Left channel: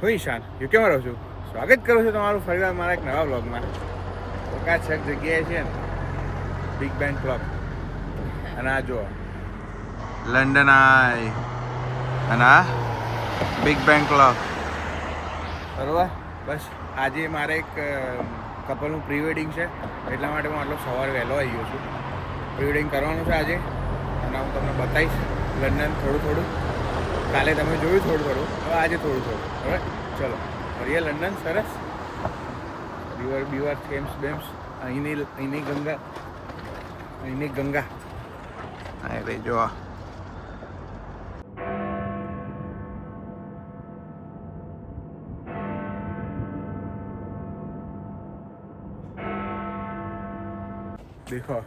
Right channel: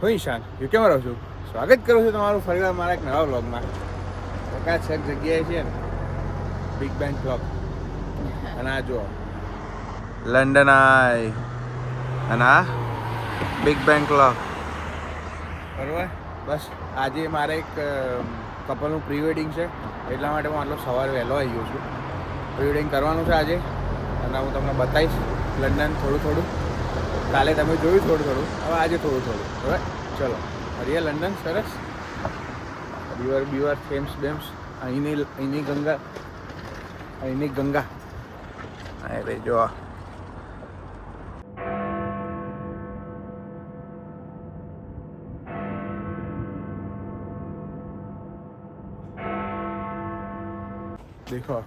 હું ઈશાન યુકેમાં રહું છું. સ્વાગત કરું છું તમારું ફરીવાર મારા એક નવા વ્લોગમાં. ચકાચક જગ્યાએ છે ને બિગ બેન ક્લોક, અને આ જુઓ લંડન આઈ, અને આ બિગ બેન ક્લોક. બરાબર, બસ આજે મારે એક કપલનું પ્રી વેડિંગ છે, એટલા માટે હું આટલો સવારે વહેલો આવી ગયો છું. પ્રી વેડિંગ કરવાનું છે આજે, અને હું તમને બતાવીશ લંડન થોડું થોડું. કાલે તમે જોયું થોડું થોડું, હવે આજે થોડું થોડું. હવે ચલો હરીએ લંડન. સરસ રિવર બીવર, થેમ્સ બેમ્સ, અહીંની ગંગા. અરે જો દેખો,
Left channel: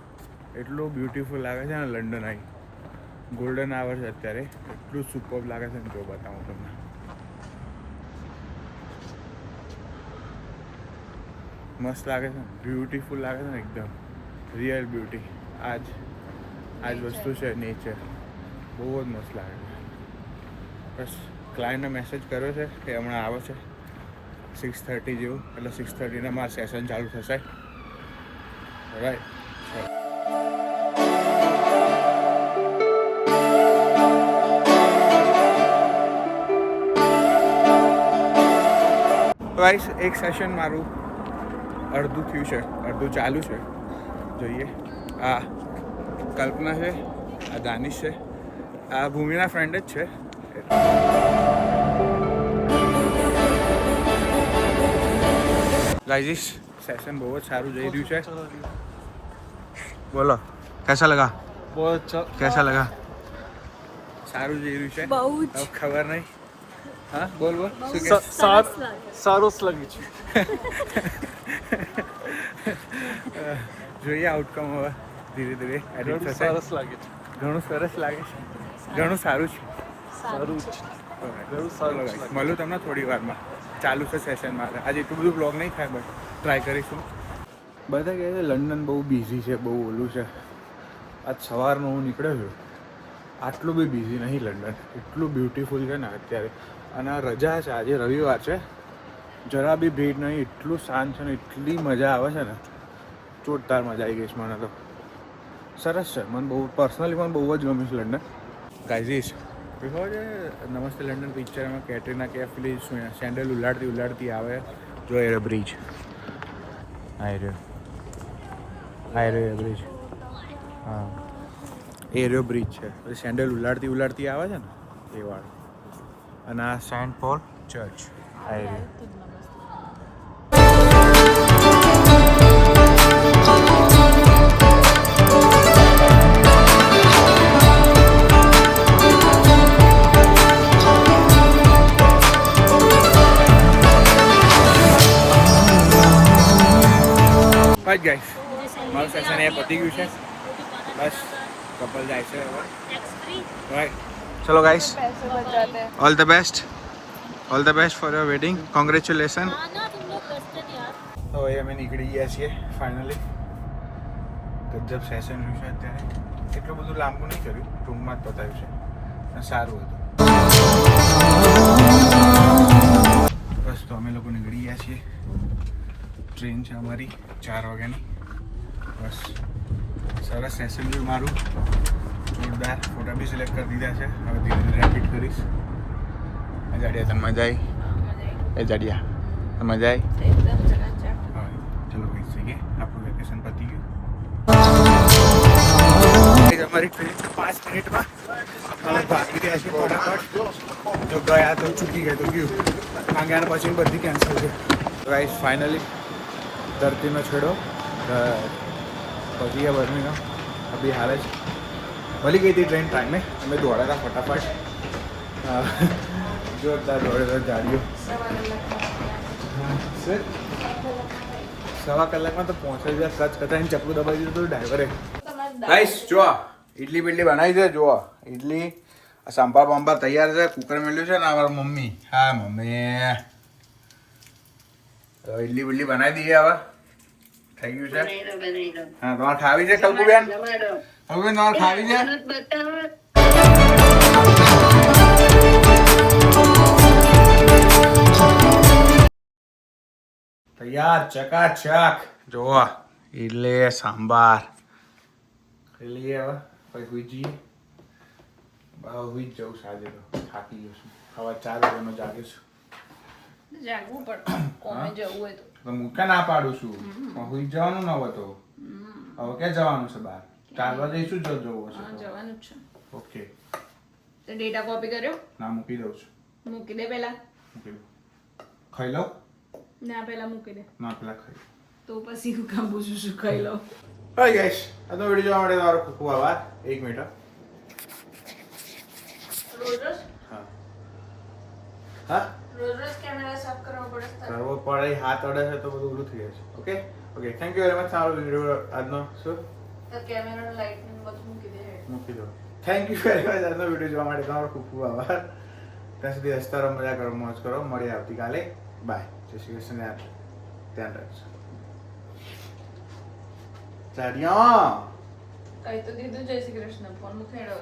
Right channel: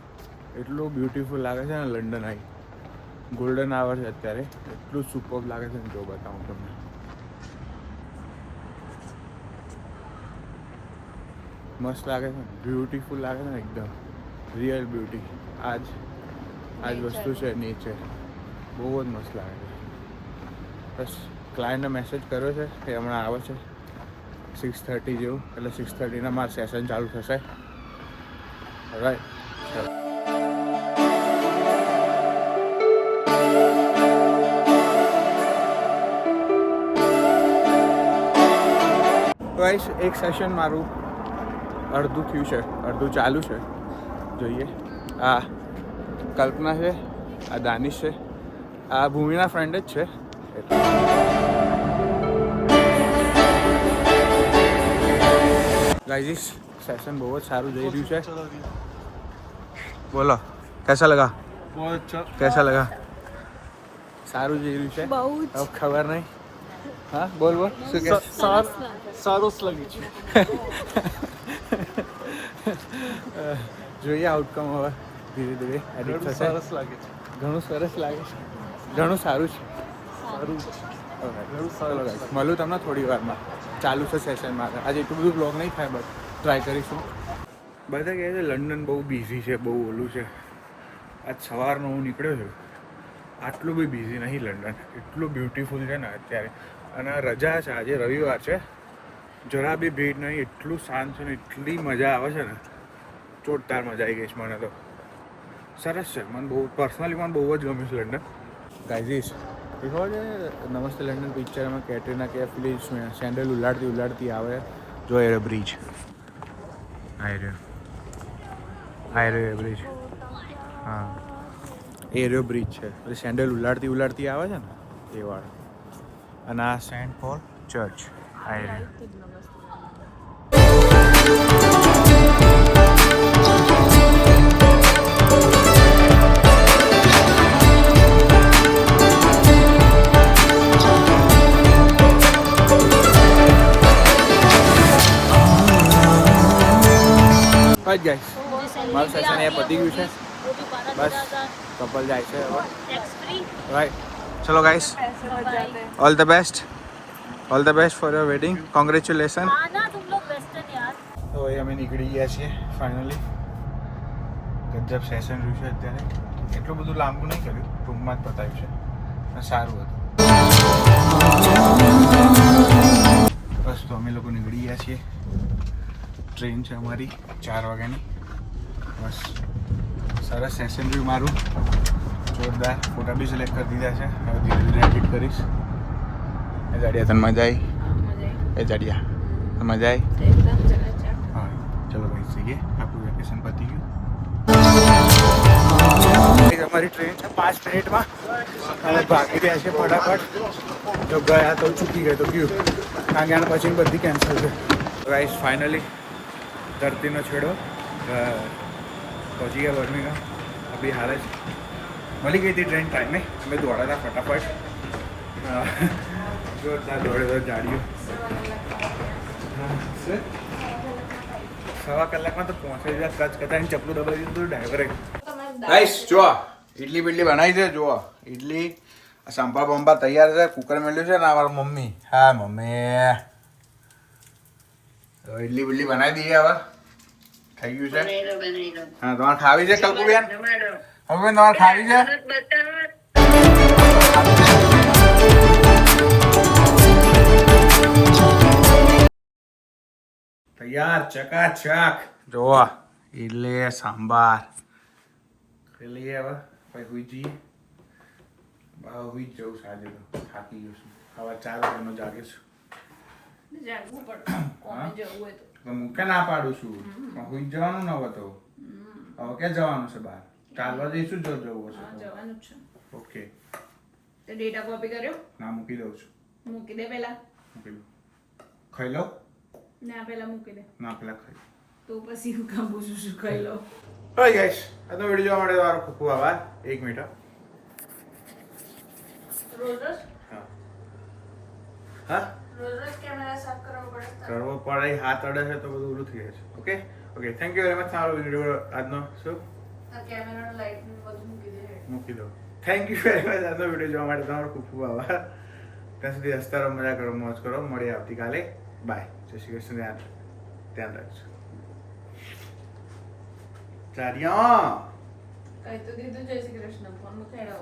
એટલું બ્યુટીફુલ લાગે છે ને લંડન. આવી ગોલ્ડન આવર છે અત્યારે, એટલું સુપર લાગે છે ને. જો બતાવું તમને, મસ્ત લાગે છે ને, બ્યુટીફુલ લાગે છે ને, એકદમ રિયલ બ્યુટી. આજ વસ્તુ છે નેચર, બહુ જ મસ્ત લાગે છે. બસ ક્લાયન્ટને મેસેજ કર્યો છે કે હમણાં આવે છે 6:30 જેવું, એટલે 6:30 મારું સેશન ચાલુ થશે. રાઈટ. ગાઈસ, એક સેશન મારું અડધું થયું છે, અડધું ચાલુ છે. જોઈએ, આ કલ્પના છે, આ દાનિશ છે, આ ભૂમિના ફ્રેન્ડ જ છે. ગાઈસ, સેશન બહુ જ સારું જઈ રહ્યું છે. બોલો कैसा लगा? बहुत अच्छा. कैसा लगा? સારું જઈ રહ્યું છે. હવે ખબર નહીં. હા બોલ શું કે? સરસ લાગે છે. જોઈએ આઉટકમ હવે ધીરે ધીરે એડિટ થશે. ઘણું સરસ લાગે છે, ઘણું સારું છે. ચલો ગાઈસ, મળું તમને થોડી વારમાં. ચાલુ છે સેશનમાં. આજે એટલું બધું બ્લોગ નહીં થાય, બટ ટ્રાય કરીશું. બધા કહે છે લંડન બહુ બિઝી છે, બહુ ઓલું છે. આજ સવારનો હું નીકળ્યો છું, આટલું બી બિઝી નહીં લંડન. એટલું બ્યુટીફુલ છે ને અત્યારે, અને રજા છે આજે, રવિવાર છે. જરા બી ભીડ નહીં, એટલું શાંત છે ને, એટલી મજા આવે છે ને, જોરદાર મજા આવી ગઈ છે મને તો. સરસ છે, મને બહુ પર્સનલી મને બહુ જ ગમ્યું છે લંડન. ગાઈઝીસ, ખબર છે નમસ્તે લંડન પિક્ચરમાં કેટરીના કૈફ પેલી સેન્ડલ ઉલાડતી આવે, જો એ બ્રિજ આઈ રહ્યો બ્રિજ. હા, એ રહ્યો બ્રિજ છે. પછી સેન્ડલ ઉલાડતી આવે છે ને એ વાળો. અને આ સેન્ટ પોલ ચર્ચ આઈ રહ્યો. બસ ગાઈસ, મારું સેશન એ પતી ગયું છે. બસ કપલ જાય છે હવે. રાઈટ, ચલો guys, all the best for your wedding. Congratulation. હવે અમે નીકળી ગયા છીએ ફાઇનલી. ગજબ સેશન રહ્યું છે અત્યારે. એટલું બધું લાંબુ નહીં કર્યું, ટૂંકમાં જ બતાવ્યું છે, સારું હતું. બસ તો અમે લોકો નીકળી ગયા છીએ. ટ્રેન છે અમારી 4 વાગ્યાની. બસ સરસ સેશન રહ્યું મારું, જોરદાર. ફોટા બી સિલેક્ટ કરી દીધા છે, હવે ધીરે ધીરે એડિટ કરીશ. એ જાડિયા તને મજા આવી? એ જાડિયા મજા આવી? હા, ચલો ભાઈ જઈએ, આપણું વેકેશન પતી ગયું. અમારી ટ્રેન છે 5 મિનિટમાં. અમે ભાગી રહ્યા છીએ ફટાફટ. જો ગયા તો ચૂકી ગઈ તો ગયું, કારણ કે આના પછી બધી કેન્સલ છે. ગાઈસ, ફાઇનલી ધરતીનો છેડો પહોંચી ગયા બર્મિંઘમ. અભી હાલ જ મળી ગઈ હતી ટ્રેન ટાઈમે. અમે દોડા હતા ફટાફટ, જોરદાર દોડે ગાડીઓ. 1.25 કલાકમાં તો પહોંચાઈ ગયા. કચ કતાઈને ચપલું દબાવી દીધું હતું ડ્રાઈવરે. ગાઈસ જુઓ, ઇડલી બિડલી બનાવી છે. જુઓ ઇડલી, સંભાર બંભાર તૈયાર છે. કુકર મેળ્યું છે ને અમારા મમ્મી. હા મમ્મી, ઇડલી બિડલી બનાવી દઈએ. હવે થઈ ગયું છે. હા, તમારે ખાવી છે કલ્પુબેન? હવે તમારે ખાવી છે? તૈયાર ચકાચક જોવા એટલે સાંભાર ખાઈ લઈએ હવે પછી હુઈ જઈએ હુઈ જ જવું સાજે તો થાકી ગયો છું સવાર 4 વાગ્યાનો જાગે છું જાગવું પડે કોમે જવું હોય તો હું ક્યાં ના પાડું છું પણ હુઈ જવાનું ન હોય તો હવે ક્યાં જવાનું છે બહાર ચાલવા જઈશું જો જવું હશે તો જવાનું જ છે ઓકે તે ડેટા કોપી કર્યો ના મૂકી દઉં છું મૂકી દે પહેલા મૂકી દઉં ખાઈ લઉં ના પહેલા મૂકી દે ના પેલા ખાઈ તો પછી હું કામ પૂછું શું ખાઈ લઉં હાય ગાઈસ આજનો વિડીયો જોવા માટે તમારો ખૂબ ખૂબ આભાર 1 મિનિટ રોજ રોજ હા હા રોજ રોજ કેમેરા સાફ કરવો પડે કરવો પડે હાથ અડે છે તો બધું ઓલું થઈ જાય છે okay okay thank you very much સારો વિડીયો આજનો શું તો કેમેરા લાઈટ ને બધું મૂકી દે મૂકી દો થેન્ક યુ વેરી મચ આજનો વિડીયો જોવા માટે તમારો ખૂબ ખૂબ આભાર ત્યાં સુધી હસતા રહો મજા કરો મોજ કરો મળીએ આવતીકાલે બાય જય શ્રી કૃષ્ણ ધ્યાન રાખજો ચારિયા કઈ તો દીધું જય શ્રી કૃષ્ણ ફોન નું ખેડવા